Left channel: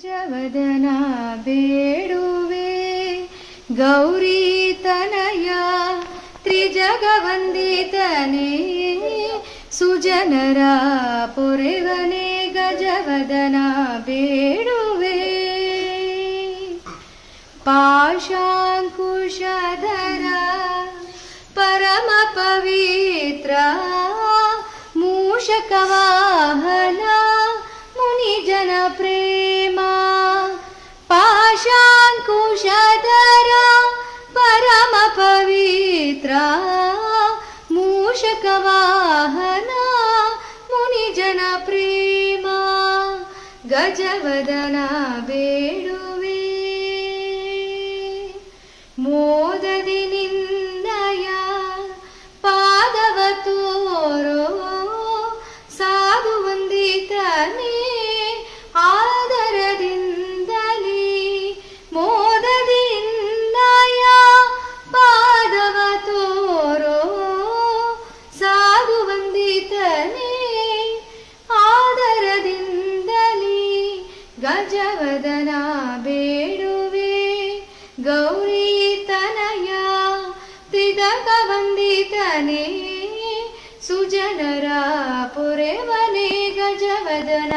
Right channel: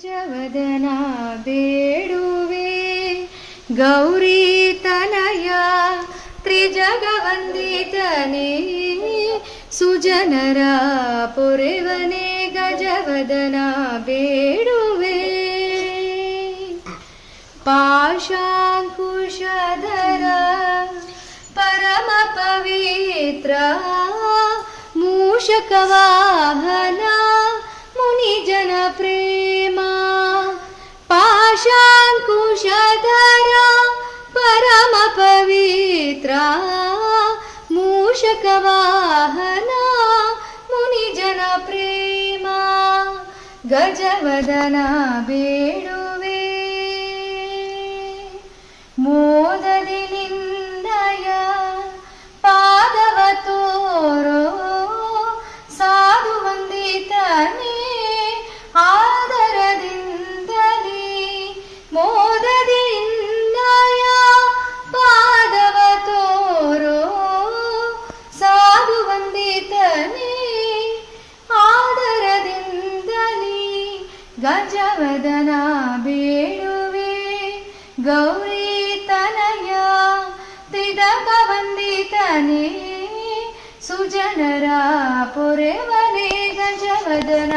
ಗಜವದನ ಬೇಡುವೆ ಗೌರಿ ತನಯ ತ್ರಿಜಗವಂದಿತನೇ ಸುಜನರ ಪೊರೆವನೆ ಗಜವದನ ಬೇಡುವೆ ಪಾಶಾಂಕುಶಧರ ಪರಮ ಪವಿತ್ರ ಮೂಷಕವಾಹನ ಮುನಿಜನ ಪ್ರೇಮ ಪಾಶಾಂಕುಶಧರ ಪರಮ ಪವಿತ್ರ ಮೂಷಕವಾಹನ ಮುನಿಜನ ಪ್ರೇಮ ಗಜವದನ ಬೇಡುವೆ ಮೋದದಿ ನಿನ್ನಯ ಪಾದವ ತೋರೋ ಸಾಧು ವಂದಿತನೇ ಆದರದಿಂದಲೇ ಮೋದದಿ ನಿನ್ನಯ ಪಾದವ ತೋರೋ ಸಾಧು ವಂದಿತನೇ ಆದರದಿಂದಲೇ ಗಜವದನ ಬೇಡುವೆ ಗೌರಿ ತನಯ ತ್ರಿಜಗವಂದಿತನೇ ಸುಜನರ ಪೊರೆವನೆ ಗಜವದನ